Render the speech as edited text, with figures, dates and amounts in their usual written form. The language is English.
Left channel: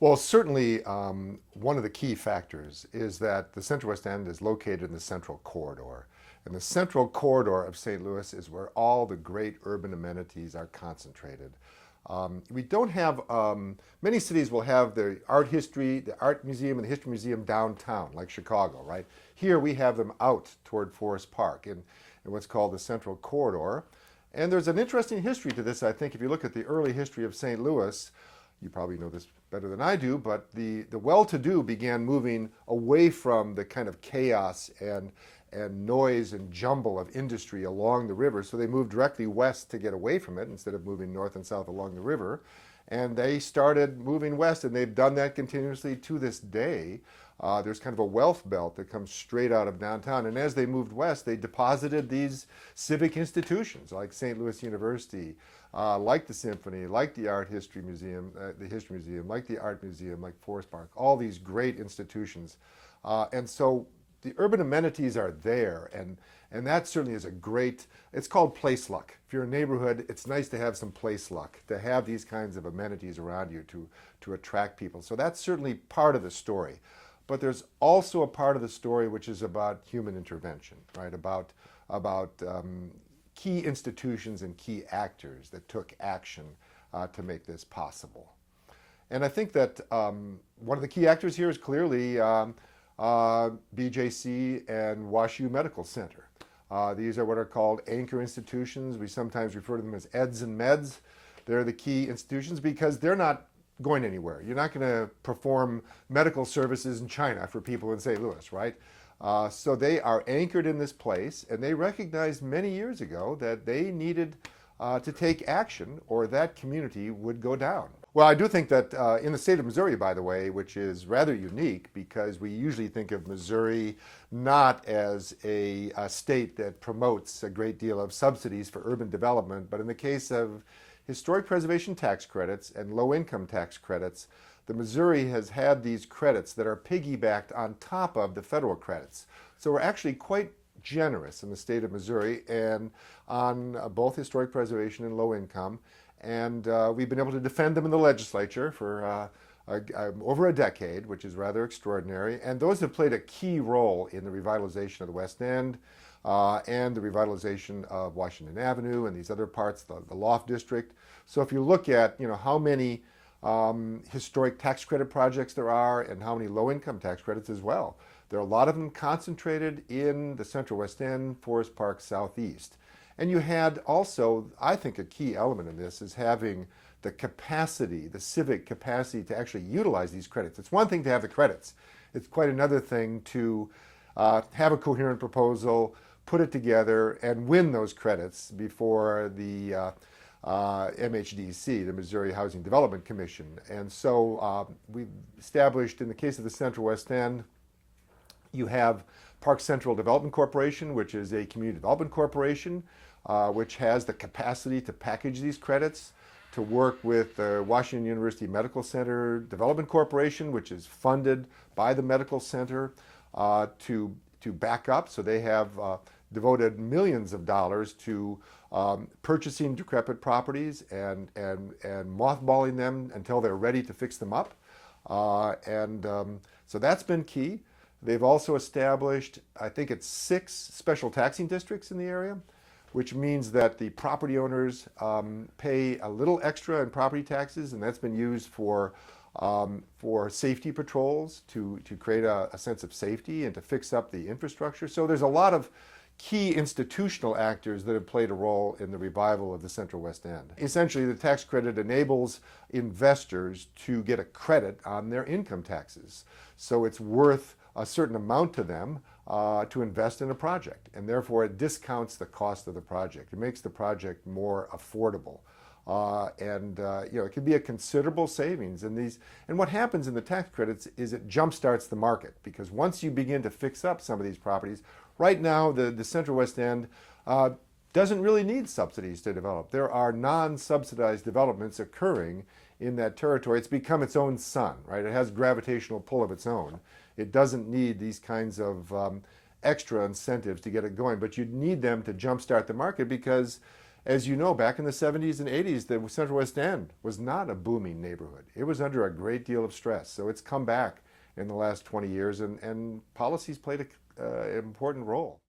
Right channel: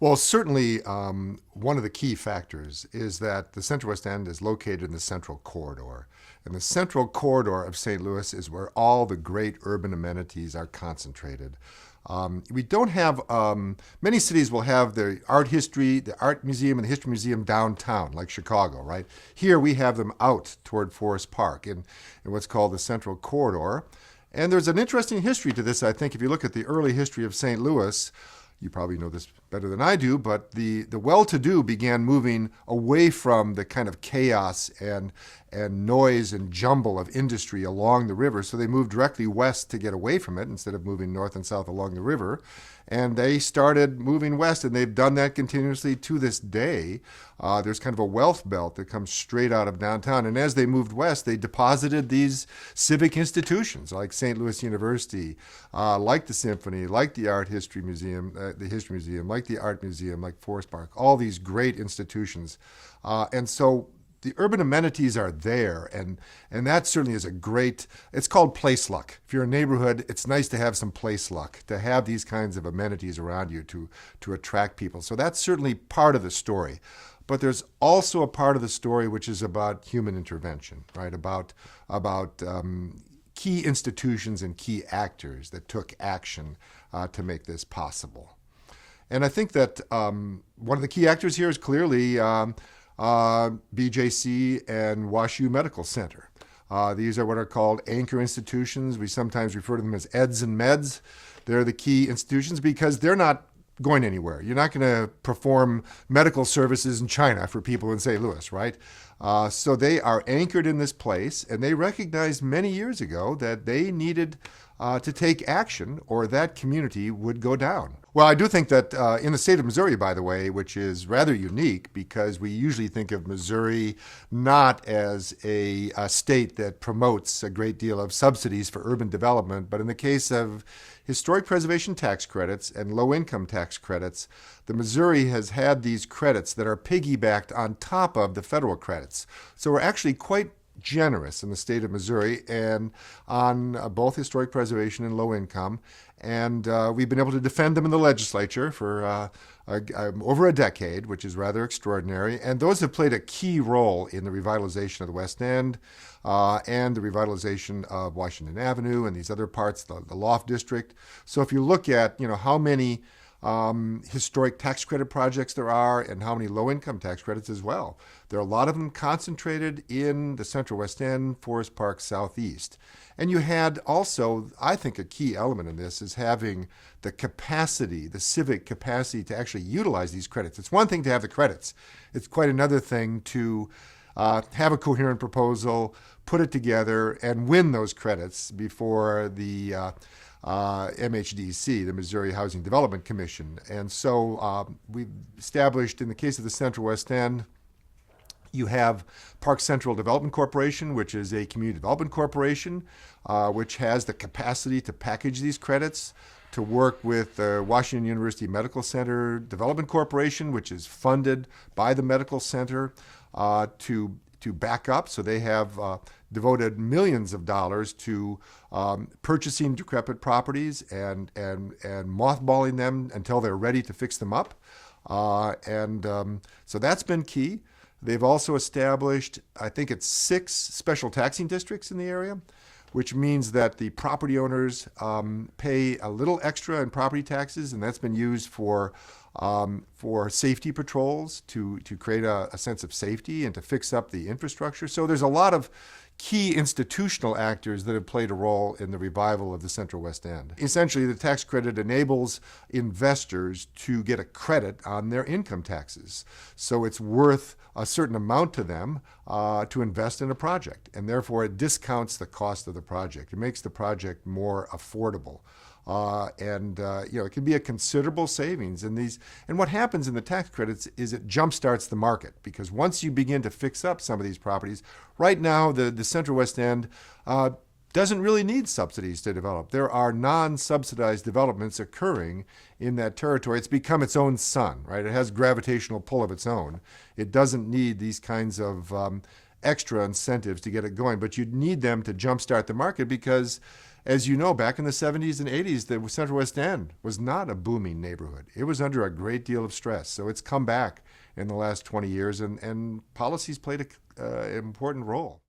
Well, certainly one of the key factors is that the Central West End is located in the Central Corridor. And the Central Corridor of St. Louis is where all the great urban amenities are concentrated. We don't have, many cities will have the art history, the art museum and the history museum downtown, like Chicago, right? Here we have them out toward Forest Park in what's called the Central Corridor. And there's an interesting history to this, I think, if you look at the early history of St. Louis. You probably know this better than I do, but the well-to-do began moving away from the kind of chaos and noise and jumble of industry along the river. So they moved directly west to get away from it instead of moving north and south along the river. And they started moving west, and they've done that continuously to this day. There's kind of a wealth belt that comes straight out of downtown. And as they moved west, they deposited these civic institutions like St. Louis University, like the Symphony, like the Art History Museum, like the Art Museum, like Forest Park, all these great institutions. And so the urban amenities are there, and that certainly is a great, it's called place luck. If you're a neighborhood, it's nice to have some place luck, to have these kinds of amenities around you to attract people. So that's certainly part of the story. But there's also a part of the story which is about human intervention, right? About key institutions and key actors that took action to make this possible. And I think that one of the key actors here is clearly BJC and WashU Medical Center. These are what are called anchor institutions. We sometimes refer to them as EDS and MEDS. They're the key institutions because they're not going anywhere. You're not going to perform medical services in China for people in St. Louis, right? So they are anchored in this place, and they recognized many years ago that they needed to take action or that community would go down. Well, I do think that in the state of Missouri, by the way, which is rather unique because we usually think of Missouri not as a state that promotes a great deal of subsidies for urban development, but in the case of historic preservation tax credits and low-income tax credits, the Missouri has had these credits that are piggybacked on top of the federal credits. So we're actually quite generous in the state of Missouri and on both historic preservation and low income. And we've been able to defend them in the legislature for over a decade, which is rather extraordinary. And those have played a key role in the revitalization of the West End and the revitalization of Washington Avenue and these other parts, the Loft District. So if you look at, how many historic tax credit projects there are and how many low-income tax credits as well. There are a lot of them concentrated in the Central West End, Forest Park, Southeast. And you had also, I think a key element in this is having the capacity, the civic capacity to actually utilize these credits. It's one thing to have the credits. It's quite another thing to have a coherent proposal, put it together, and win those credits before the MHDC, the Missouri Housing Development Commission. And so we've established, in the case of the Central West End, you have Park Central Development Corporation, which is a community development corporation, which has the capacity to package these credits, to work with the Washington University Medical Center Development Corporation, which is funded by the medical center, to back up. So they have devoted millions of dollars to purchasing decrepit properties and mothballing them until they're ready to fix them up. So that's been key. They've also established, I think it's 6 special taxing districts in the area, which means that the property owners pay a little extra in property taxes, and that's been used for safety patrols to create a sense of safety and to fix up the infrastructure. So there's a lot of key institutional actors that have played a role in the revival of the Central West End. Essentially, the tax credit enables investors to get a credit on their income taxes. So it's worth a certain amount to them to invest in a project, and therefore it discounts the cost of the project. It makes the project more affordable. It can be a considerable savings in these. And what happens in the tax credits is it jumpstarts the market, because once you begin to fix up some of these properties, right now the Central West End doesn't really need subsidies to develop. There are non-subsidized developments occurring in that territory. It's become its own sun, right? It has gravitational pull of its own. It doesn't need these kinds of extra incentives to get it going, but you need them to jumpstart the market because as you know, back in the 70s and 80s, the Central West End was not a booming neighborhood. It was under a great deal of stress. So it's come back in the last 20 years, and policies played an important role.